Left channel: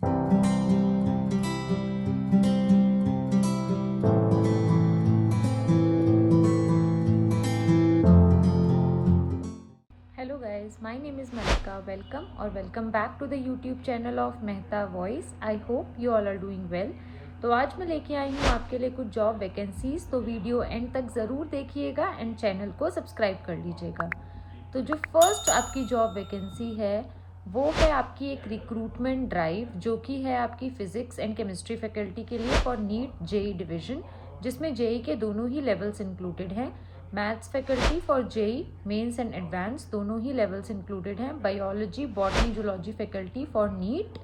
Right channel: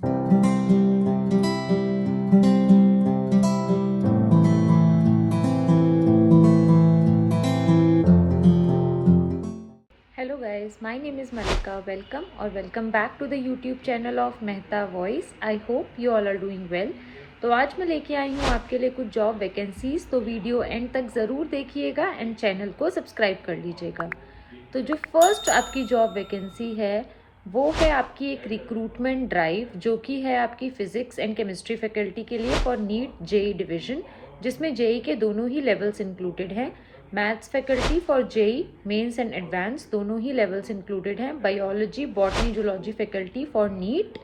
Hello guys, my name is Malika. Welcome or welcome back to the YouTube channel of Mehta Voice. I hope you all are doing well. तो आज मैं लेके आई हूँ आपके लिए कुछ जॉब वैकेंसीज, तो वीडियो एंड तक ज़रूर देखिएगा एंड चैनल को सब्सक्राइब कर लीजिएगा। तो जो फर्स्ट आपकी जॉब वैकेंसी है वो है आपकी एक रिक्रूटमेंट ड्राइव, जो कि है आपकी फिजिक्स एंड केमिस्ट्री फैकल्टी के लिए फॉर नीट जेई डिवीजन, जिसमें जेई के दोनों ही लेवल्स इंक्लूडेड हैं। Maths faculty for JEE mains and advance दोनों ही लेवल्स इंक्लूडेड हैं। Biology botany zoology faculty for NEET,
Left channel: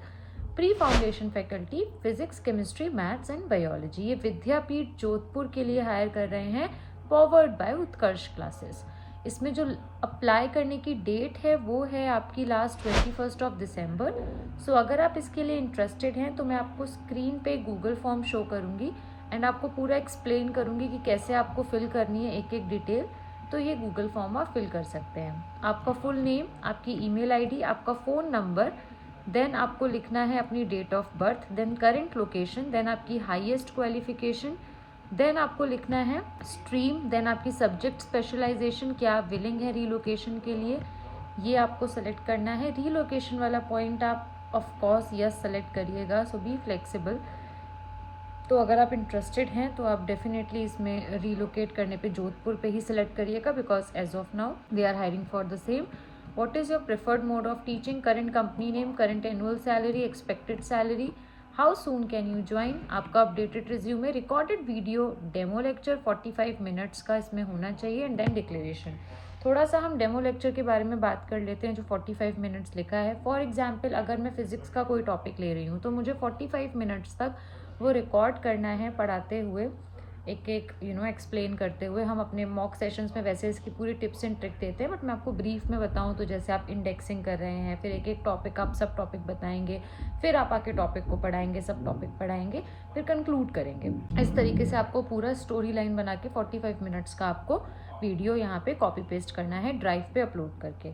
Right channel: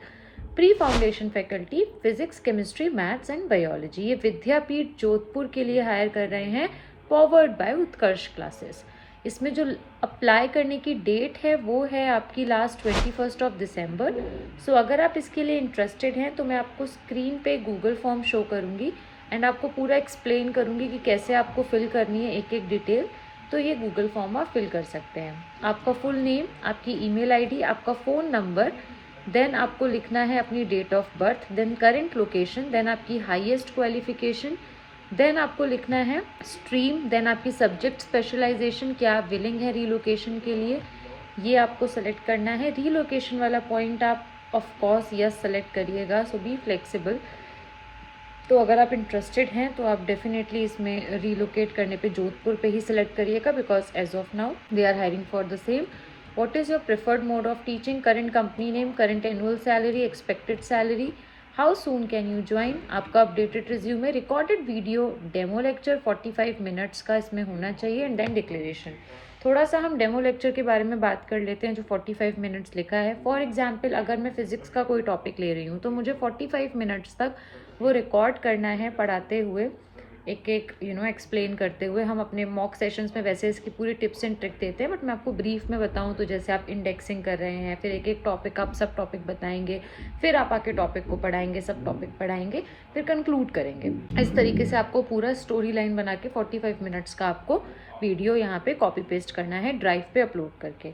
pre foundation faculty physics chemistry maths and biology. ये विद्यापीठ जोधपुर के लिए हायर कर रहे हैं, पॉवर्ड बाय उत्कर्ष क्लासेस। इसमें जो अप्लाई करने की डेट है वो है आपकी लास्ट 21 दिसंबर। सो अगर आप इसके लिए इंटरेस्टेड हैं तो मैं आपको स्क्रीन पे गूगल फॉर्म शो करूँगी एंड आपको पूरा एक्सप्लेन करूँगी कि कैसे आपको फिल करनी है एक एक डिटेल। तो ये गूगल फॉर्म आप फिल कर सकते हैं। आपका फुल नेम, आपकी ईमेल आईडी, आपका फ़ोन नंबर, देन आपको लिखना है अपनी date of birth, then current location, then आपकी हाईएस्ट क्वालिफिकेशन, देन आपको लिखना है स्ट्रीम, देन आपकी सब्जेक्ट स्पेशलाइजेशन, क्या आप विलिंग है रीलोकेशन के लिए, ये आपको सेलेक्ट करना है। रीलोकेशन वाला पॉइंट आप ऑफ कोर्स यस सेलेक्ट करिएगा, सो बी फ्लेक्सिबल। तो अगर आप इंटरेस्टेड हैं तो आप डेफिनेटली इसमें रीलोकेट करने पे जोधपुर पे ही सिलेक्ट करिएगा, because as of now they are hiring for the same. What is your preferred mode of teaching, current company name, current annual salary, expected salary, how soon can you join, आपका updated resume, recorded video, demo lecture 45 minutes का इसमें होना चाहिए, and then declaration. थोड़ा सा हम demo lecture के बारे में बात कर लेते हैं जो 45 मिनट्स लिखा है। फॉर एग्जाम्पल अगर मैं फिज़िक्स का कोई टॉपिक ले रही हूँ तो मुझे 45 मिनट्स तक वो रिकॉर्ड करना है, पढ़ाते हुए एक एक एक्सप्लेन करते हुए। हम अपने मॉक सेशंस में वैसे इसकी पूरी टिप्स एंड ट्रिक देते हैं, बट मैं आपको ब्रीफ में बताऊं तो जैसे आप इंडेक्सिंग कर रहे हैं, फिर एक एक टॉपिक आप सब टॉपिक बताएंगे, फिर आप आके टॉपिक को पढ़ाएंगे, सब टॉपिक पढ़ाएंगे, फिर कंक्लूड करेंगे। इस तरीके से आपको पूरा स्टोरी लाइन बना के 45 मिनट्स का आपको वीडियो यहाँ पे कॉपी पेस्ट करना है ड्राइव पे अपलोड करके।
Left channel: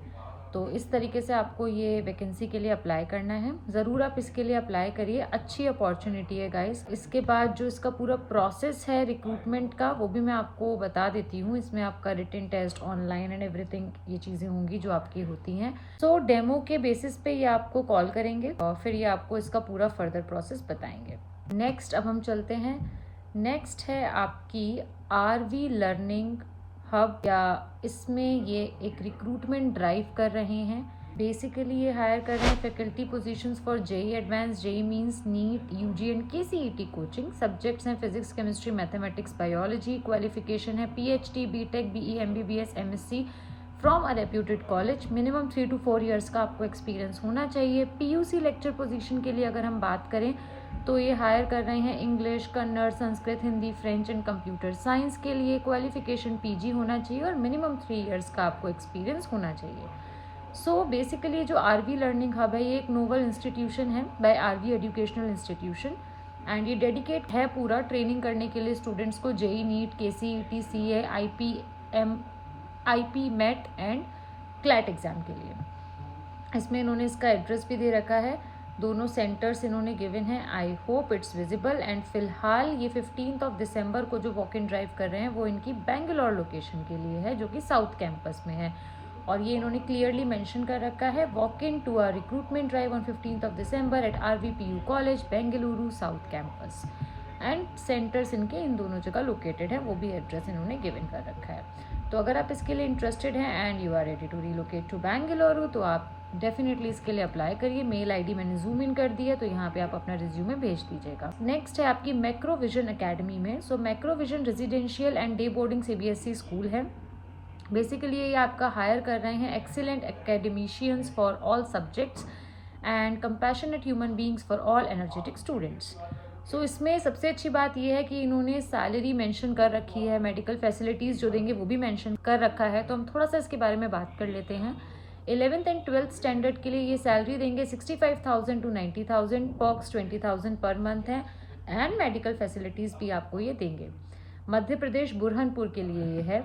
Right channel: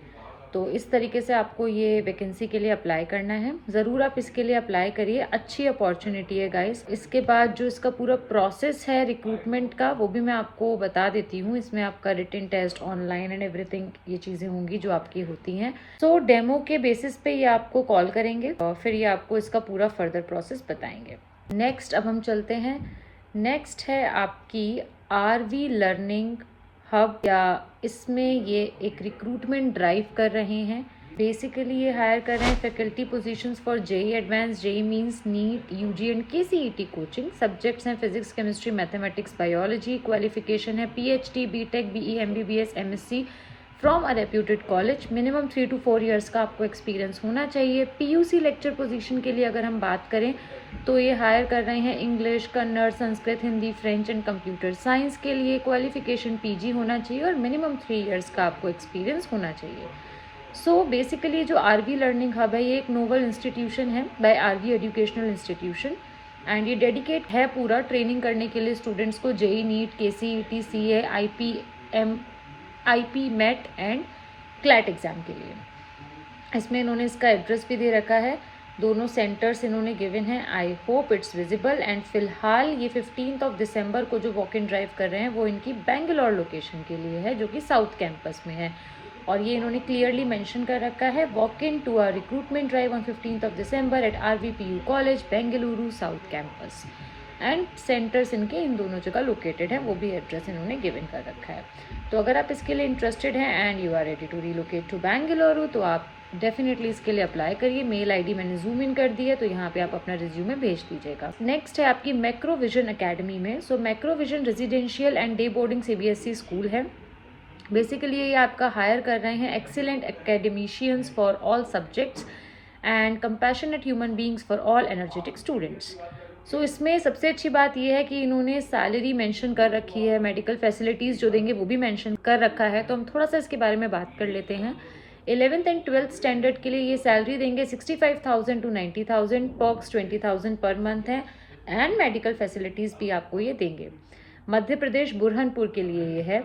तो इस तरीके से आपको ये वैकेंसी के लिए अप्लाई करना है। ज़रूर आप इसके लिए अप्लाई करिए, अच्छी अपॉर्चुनिटी है गाइस। इसके बाद जो इसका पूरा प्रोसेस है रिक्रूटमेंट का वो भी मैं आपको बता देती हूँ। इसमें आपका written test, online and everything, ये चीज़ें होंगी जो आपकी होती हैं। सो डेमो के बेसिस पे ये आपको कॉल करेंगे और फिर ये आपको इसका पूरा फर्दर प्रोसेस बताएंगे। नेक्स्ट अब हम चलते हैं। नेक्स्ट है आपकी आरवी लर्निंग हब, या इसमें ये एक रिक्रूटमेंट ड्राइव कर रहे हैं। बेसिकली ये हायर कर रहे हैं faculty positions for JEE advanced, JEE mains NEET, UG and KCET coaching. Subjects हैं physics chemistry mathematics biology. Qualification है PhD, BTech, BE, MBBS, MSc from a reputed college. Minimum 3 to 4 years का आपको experience होना चाहिए। PUC lecture position के लिए अगर हम बात करें तो ये हायर कर रहे हैं English, Kannada, Sanskrit, Hindi, French and computer science के लिए। क्वालिफिकेशन पीजी होना चाहिए और मिनिमम 3 ईयर्स का आपको एक्सपीरियंस होना चाहिए। सो बेसिकली जो आरवी लर्निंग हब है ये एक नोवल इंस्टीट्यूशन है by RV educational institution, and ये डेडिकेट है पूरा ट्रेनिंग करने के लिए स्टूडेंट्स को JEE, NEET, KCET, CA, IPMAT and CLAT exam के लिए। इसमें इन्होंने इसका एड्रेस भी दे रखा है, दोनों सेंटर्स इन्होंने गिवन है। I hope it's visible. And फिलहाल ये 15 दिसंबर को जो वॉक इन ड्राइव कर रहे हैं वो इनकी बेंगलोर लोकेशन के लिए है, जो कि साउथ कैंपस में है। और ये इन्होंने क्लियरली मेंशन कर रखा है, walk in to a recruitment drive on 15 December at RVPU college Bengaluru south campus. And centres इनके इन दोनों जगह लोकेटेड है, वो भी एड्रेस इन्होंने गिवन कर रखा है। तो अगर आप इसके लिए इंटरेस्टेड हैं and you are ready to relocate to Bengaluru तो आप डेफिनेटली इसके लिए अप्लाई करिए। मेल आईडी मैंने जूम इन कर दी है, तो यहाँ पे आप अपना रिज्यूमे भेज दीजिएगा। नेक्स्ट है आपकी मैक्रोविजन एकेडमी में। So Macrovision residential and day boarding CBSE school है। बेसिकली ये आपका हायर कर रहे हैं excellent academicians for all subjects and compassionate human beings for all energetic students. So इसमें सबसे अच्छी बात यह है कि इन्होंने सैलरी मेंशन कर रखी है, मेडिकल फैसिलिटीज़ जो देंगे वो भी मेंशन कर रखा है। तो हम थोड़ा सा इसके बारे में बात कर लेते हैं। 11th एंड 12th स्टैंडर्ड के लिए ये सैलरी देंगे 65,000 to 90,000, पर्क्स 20,000 पर मंथ है, एंड मेडिकल फैसिलिटीज़ भी आपको ये देंगे। मध्य प्रदेश बुरहानपुर के लिए ये है।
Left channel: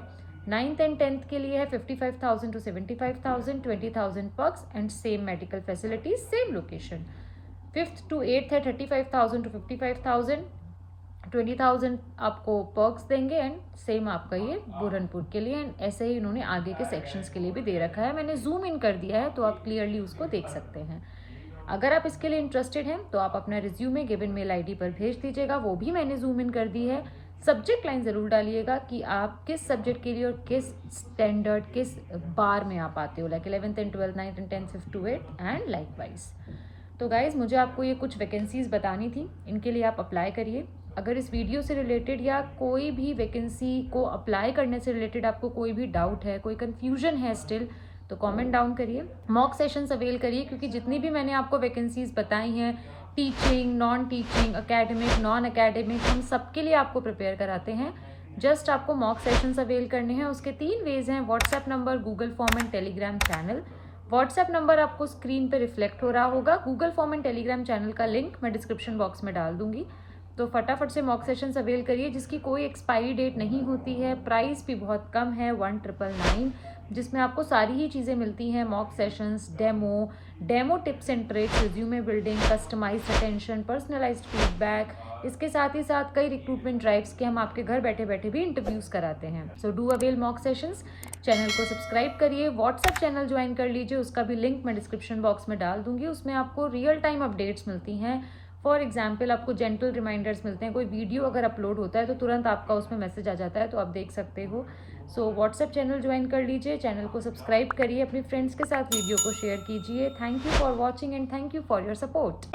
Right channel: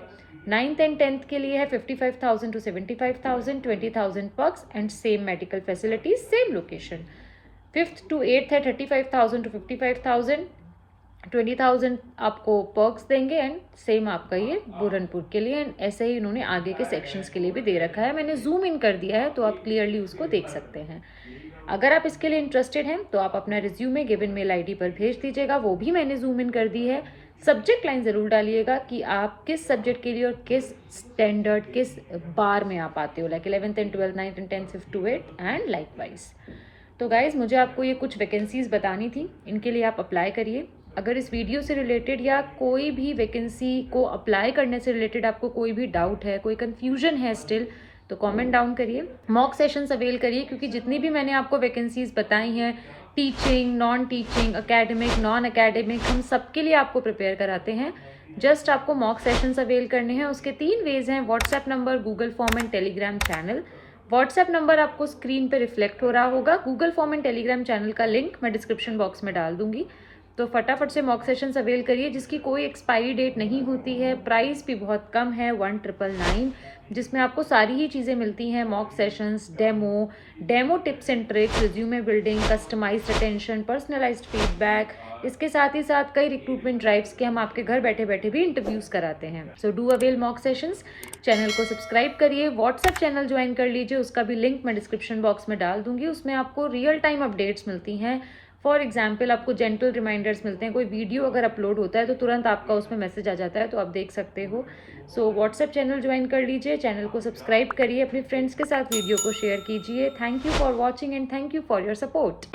9th एंड 10th के लिए है 55,000 to 75,000, 20,000 perks and same medical facilities, same location. 5th to 8th है 35,000 to 55,000, 20,000 आपको पर्क्स देंगे एंड सेम आपका ये बुरहानपुर के लिए, एंड ऐसे ही इन्होंने आगे के सेक्शंस के लिए भी दे रखा है। मैंने जूम इन कर दिया है तो आप क्लियरली उसको देख सकते हैं। अगर आप इसके लिए इंटरेस्टेड हैं तो आप अपना रिज्यूमे गिवन मेल आईडी पर भेज दीजिएगा, वो भी मैंने जूम इन कर दी है। सब्जेक्ट लाइन ज़रूर डालिएगा कि आप किस सब्जेक्ट के लिए और किस स्टैंडर्ड किस बार में आप आते हो, like 11th and 12th 9th and 10th 5th to 8th and like wise. तो गाइज मुझे आपको ये कुछ वैकेंसीज़ बतानी थी, इनके लिए आप अप्लाई करिए। अगर इस वीडियो से रिलेटेड या कोई भी वैकेंसी को अप्लाई करने से रिलेटेड आपको कोई भी डाउट है, कोई कन्फ्यूजन है स्टिल, तो कमेंट डाउन करिए। मॉक सेशंस अवेल करिए, क्योंकि जितनी भी मैंने आपको वैकेंसीज बताई हैं, teaching, non teaching, academic, non academic, हम सबके लिए आपको प्रिपेयर कराते हैं। जस्ट आपको मॉक सेशंस अवेल करने हैं। उसके 3 वेज हैं, WhatsApp number, Google form and Telegram channel. WhatsApp number आपको स्क्रीन पे रिफ्लेक्ट हो रहा होगा, Google form and Telegram channel का लिंक मैं डिस्क्रिप्शन बॉक्स में डाल दूंगी। तो फटाफट से मॉक सेशंस अवेल करिए, जिसकी कोई एक्सपायरी डेट नहीं होती है, प्राइस भी बहुत कम है 1999, जिसमें आपको सारी ही चीज़ें मिलती हैं। Mock sessions, demo tips and tricks, resume building, customised attention, personalised feedback, इसके साथ ही साथ कई रिक्रूटमेंट ड्राइव्स के हम आपके घर बैठे बैठे भी इंटरव्यूज़ कराते हैं। So do avail mock sessions. Channel को सब्सक्राइब करिए, व्हाट्सएप चैनल ज्वाइन कर लीजिए, उसका भी लिंक मैं डिस्क्रिप्शन बॉक्स में डाल दूंगी। उसमें आपको रियल टाइम अपडेट्स मिलती हैं। फॉर एग्जाम्पल आपको जेंटल रिमाइंडर्स मिलते हैं, कोई वीडियो अगर अपलोड होता है तो तुरंत आपका उसमें मैसेज आ जाता है, तो आप देख सकते हो। सो व्हाट्सएप चैनल ज्वाइन कर लीजिए, चैनल को सब्सक्राइब करिए, अपने फ्रेंड्स के साथ वीडियो को शेयर कीजिए। Thank you for watching and thank you for your support.